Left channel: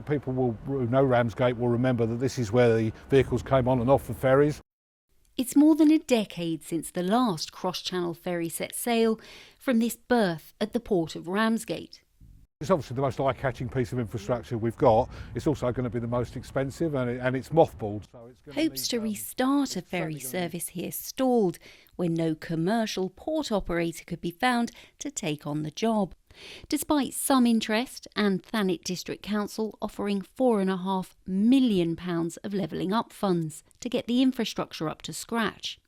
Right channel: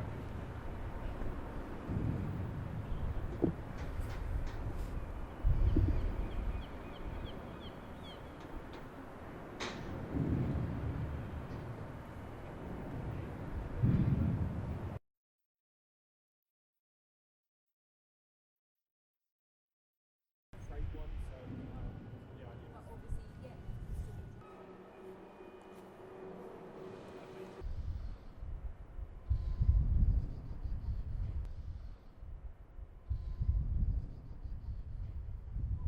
People who know Ramsgate will remember that this is where the vehicles came on and off the ferries. It's more than a decade since the last cross-channel ferry set sail from this berth at the Port of Ramsgate. It's obviously the most eye-catching piece of infrastructure we've got. It's also going to be the most expensive and it's mothballed. So it's Hopes to restart a ferry service here stalled when no commercial port operator could be found to take on the job. Despite some interest and Thanet District Council offering £4.5 million of levelling up funds to get the infrastructure up to scratch.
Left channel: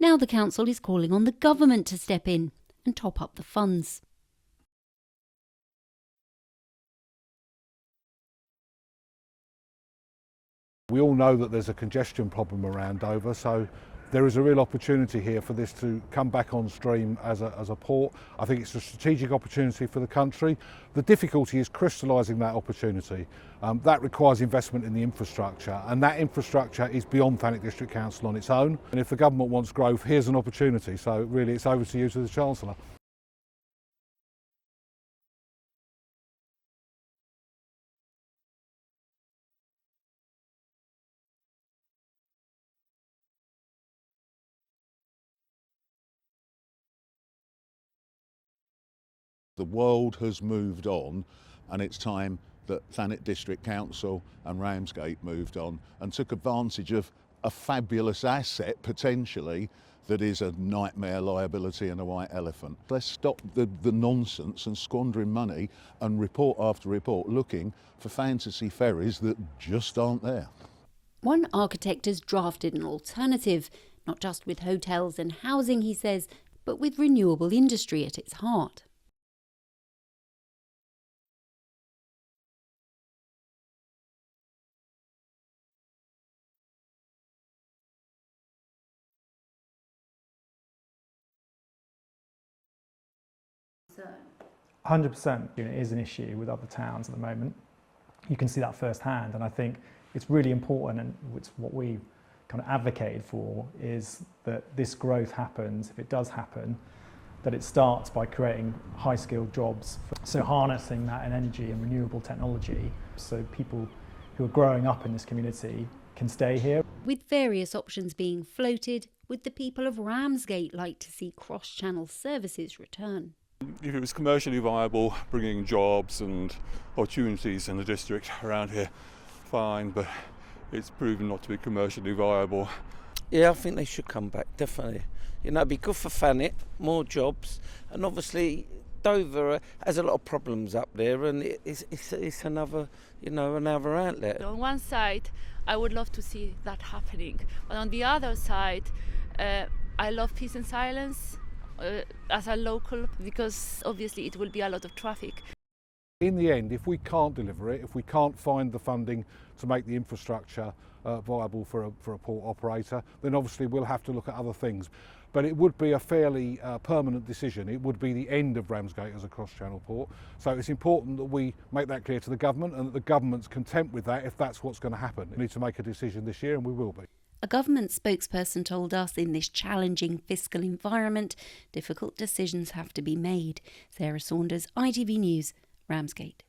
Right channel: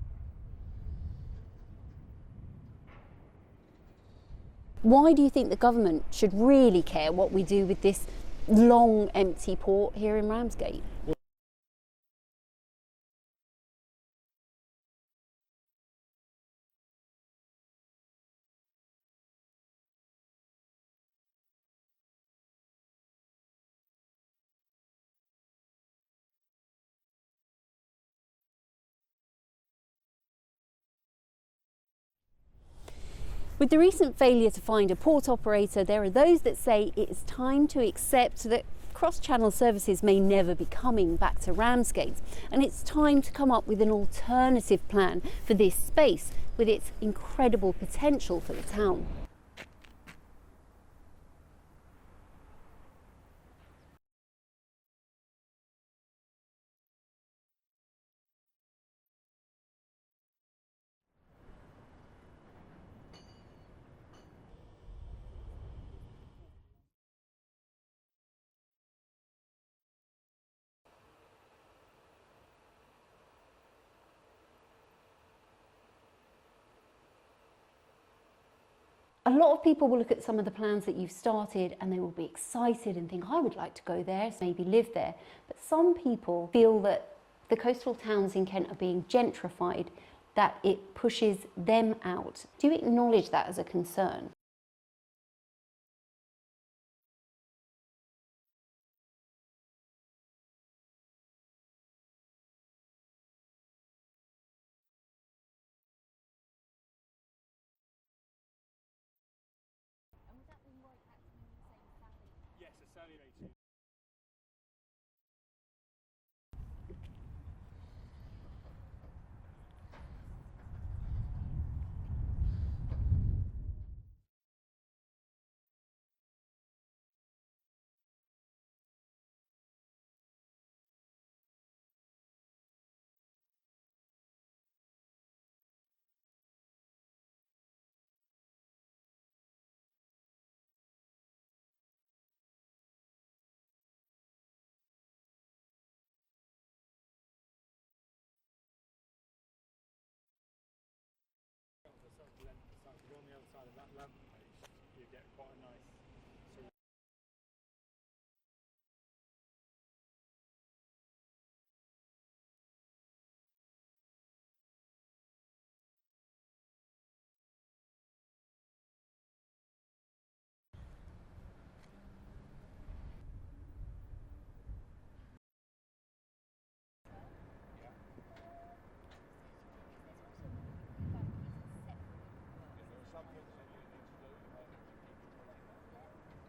Now the council is calling on the government to step in and top up the funds. Why do you think the government should really care what we do with this long empty port here in Ramsgate? We all know that there's a congestion problem around Dover, so there is a real opportunity here for this to come back on stream as a port. I think it's a strategic opportunity for the country. The difficulty is crystallising that opportunity. That requires investment in the infrastructure, and that infrastructure is beyond Thanet District Council on its own. And if the government wants growth, here's an opportunity. So really it's over to you, to the Chancellor. With the recent failure to find a port operator, there are those that say it is time to accept that cross-channel services may never be coming back to Ramsgate, and it's time to come up with an alternative plan for this space with its incredible potential for the town. The world has moved on, and it's time that Thanet District Council and Ramsgate moved on and took advantage of a fabulous asset potentially that is a nightmare liability and a white elephant. Let's stop the nonsense and squandering money and report after report looking for fantasy ferries that just aren't there. One architect has drafted an alternative, not just with hotels and housing, he says, but with renewable industry at its heart. A lot of people will look at some of the plans that you've started and they will be excited and think, I would like to go there, maybe live there. But some people feel that the coastal towns in Kent are being gentrified, that it pushes them out. Do you acknowledge that as a concern? 100%. It is an issue with other towns at the moment. You can see that firsthand, and I think it's really important, and it's what we kind of advocated for, is that this growth happens, if it does happen, that it starts by creating high-skilled jobs. So harnessing that in energy and renewable technology, so people who are growing up in this community can stay here. With various options being floated, would the people of Ramsgate like to see cross-channel services return? If it was commercially viable, bringing jobs and opportunities in the district around here, fine, but it's proven not to be commercially viable. Yeah, I think they should come back, definitely. You know, it'd be good for Thanet, more jobs, and obviously Dover has a lot of problems up there, and it's another, another outlet. On one side, I would love to see that happening, but on the other side, I love peace and silence as a local, because obviously it will be a lot of traffic. In the end, if we can't deliver it, if we can't find the funding to make the infrastructure viable for a port operator, then obviously we'll have to look at other things. But it would be a fairly permanent decision. It would be the end of Ramsgate as a cross-channel port. So it's important that we make that clear to the government, and that the government's content with that if that's what's going to happen. We need to make a decision this year, and we will be. A government spokesperson told us in this challenging fiscal environment, difficult decisions have to be made. Sarah Saunders, ITV News, Ramsgate.